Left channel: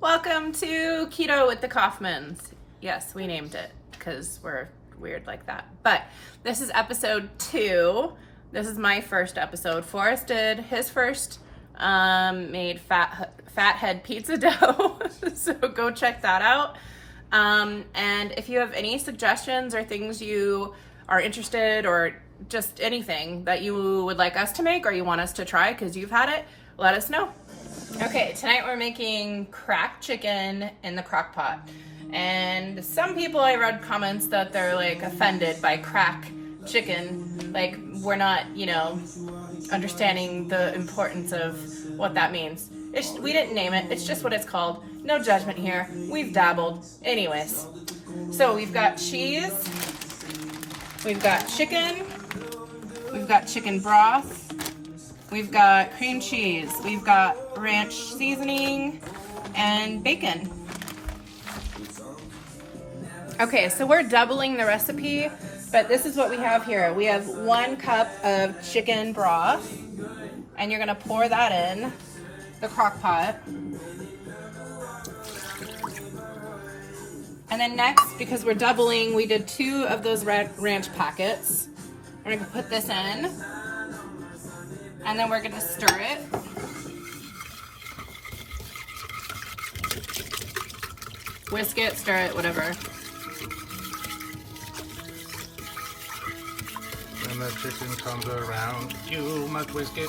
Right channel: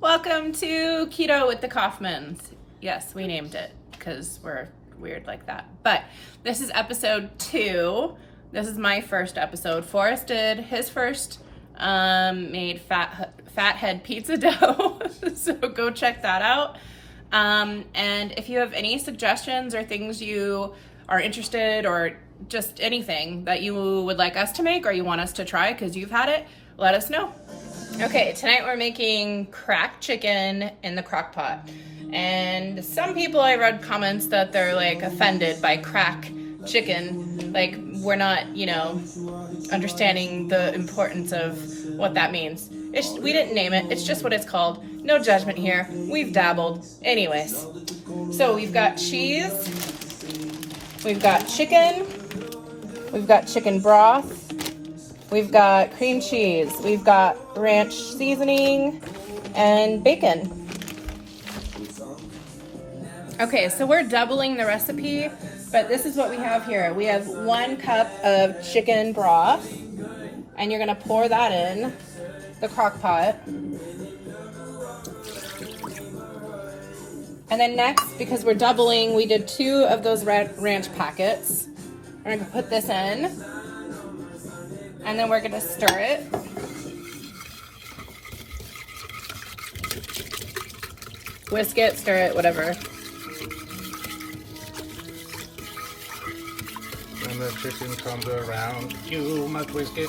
Welcome to Keto with the Kaufmans. Yes, we named it because we're weird like that. But this is episode 2. This is my first episode. Forrest did his first, made fathead pizza dough. So go check that out. And if you have any suggestions or things you are interested or just anything that you would like us to make or you want us to try because you've had it, let us know. Okay, tonight we're making cracked chicken in the crock pot. And some people, I read comments that they're like offended by crack chicken. Like we're not, understanding the importance of what that means. We didn't name it, it's just what it's called. No judgment here, we've dabbled. Anyways, so we've got cheese, we've got chicken broth, we've got cream cheese, we've got ranch seasoning, and bacon. Okay, so we're doubling the recipe, but this is what we have here. We have 1 cup of chicken broth, and you're gonna pour that in the crock pot. And then next, because we're doubling, we did 2 of those ranch packets. We're gonna put this in, and then we're gonna stir it. Whisk it, stir it, whatever. When the chicken comes around, you must whisk it.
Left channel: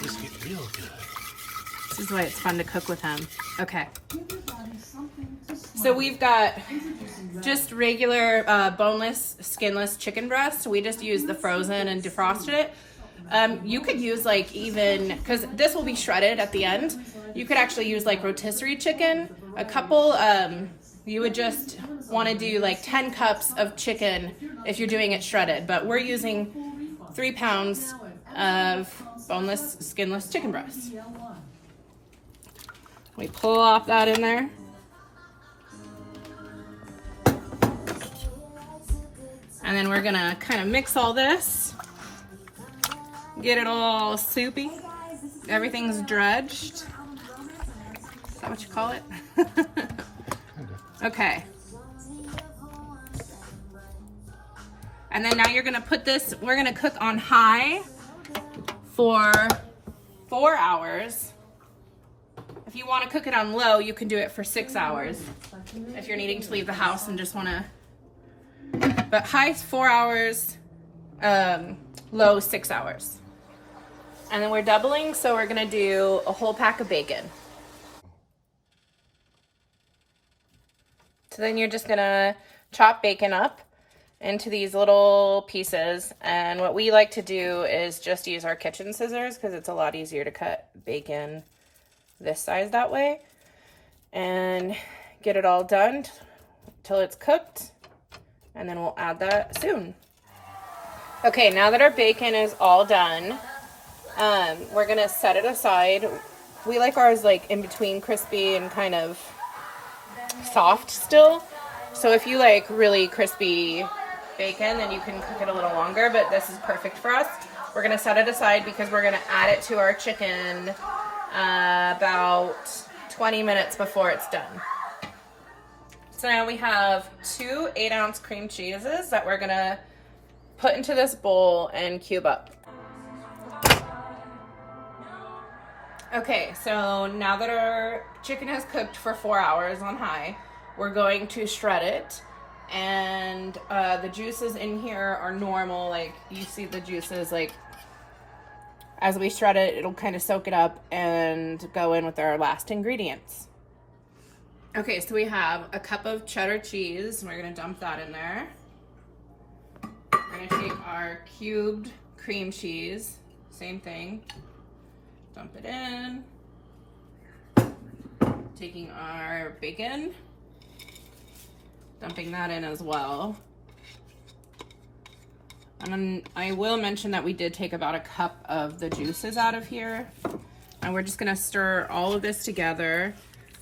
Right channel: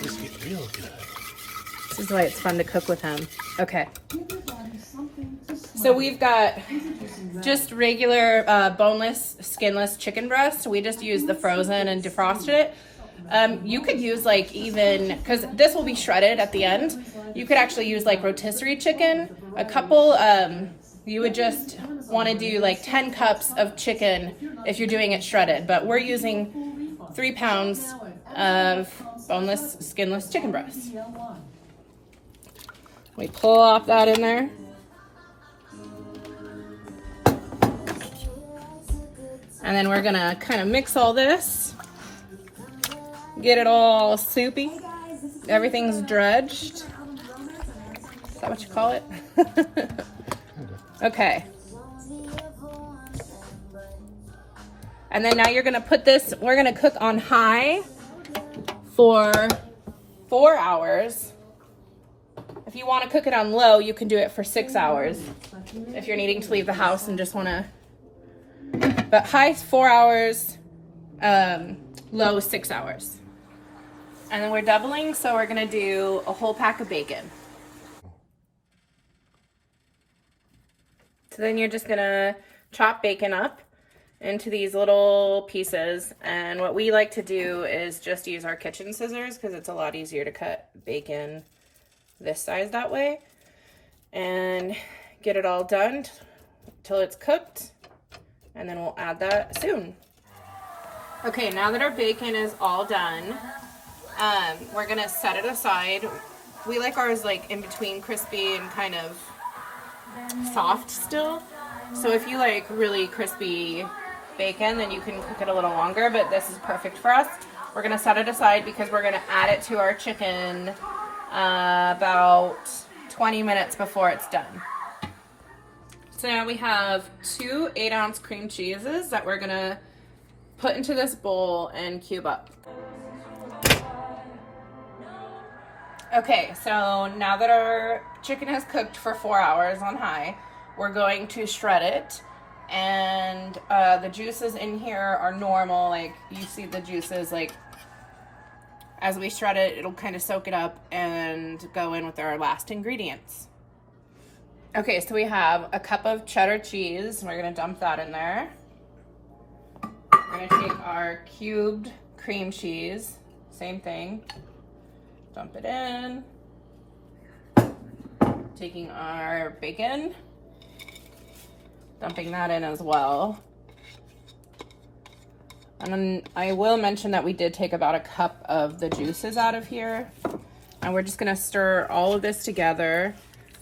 Whisk it real good. This is why it's fun to cook with him. Okay. So we've got just regular boneless, skinless chicken breast. We just used the frozen and defrosted it. You could use because this will be shredded at the end. You could actually use rotisserie chicken. A couple, you would just want to do 10 cups of chicken if you're doing it shredded. But we're using 3 pounds of boneless, skinless chicken breast. We pull off that in there. And then we're gonna kind of mix all this, get it all soupy. Everything's dredged. Is that what you call it? Okay. And then now you're gonna put this, we're gonna cook on high for 4 hours. If you wanna cook it on low, you can do it for 6 hours. If you're needing to leave the house and just wanna, but high 4 hours, low 6 hours. And then we're doubling, so we're gonna do a whole pack of bacon. So then you're just gonna chop bacon up into these little pieces. And what we like to do is just use our kitchen scissors because it's a lot easier to cut bacon this size that way. And get it all done till it's cooked. And then we'll add that soon. Okay, now that our bacon is all done, we're gonna set it aside. We like ours in between crispy and kind of soft still. So if you like really crispy bacon, then you can cook it a little longer, but this is perfect for us. We're gonna set it aside because we're gonna add it to our chicken about 20 minutes before it's done. So now we have 2 8-ounce cream cheeses that we're gonna put into this bowl and cube up. Okay, so now that our chicken has cooked for 4 hours on high, we're going to shred it. And the juices in here are normal, you see the juices, as we shred it, it'll kind of soak it up and go in with our last ingredients. Okay, so we have a cup of cheddar cheese. We're gonna dump that in there. We're gonna take our cubed cream cheese, same thing. Dump it in. Taking our bacon, dumping that in as well. And then I will mention that we did take about a cup of the juices out of here. And we're just gonna stir all of this together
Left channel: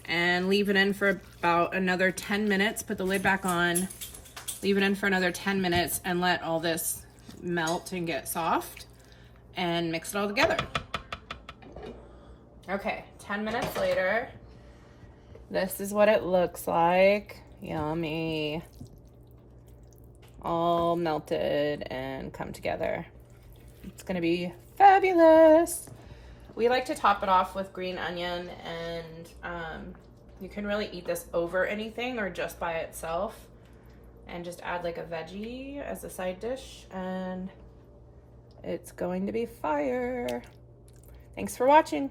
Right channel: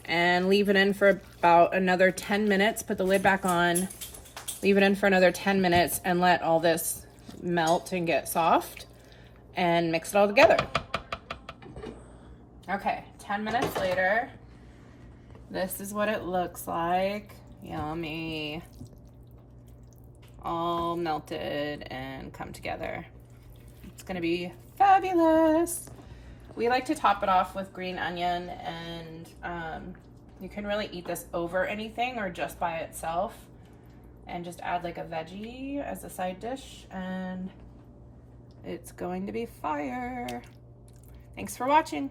and leave it in for about another 10 minutes. Put the lid back on, leave it in for another 10 minutes and let all this melt and get soft and mix it all together. Okay, 10 minutes later. This is what it looks like. Yummy. All melted and come together. It's gonna be fabulous. We like to top it off with green onion, and you can really eat this over anything or just by itself, and just add like a veggie as a side dish, and it's going to be fire. Thanks for watching.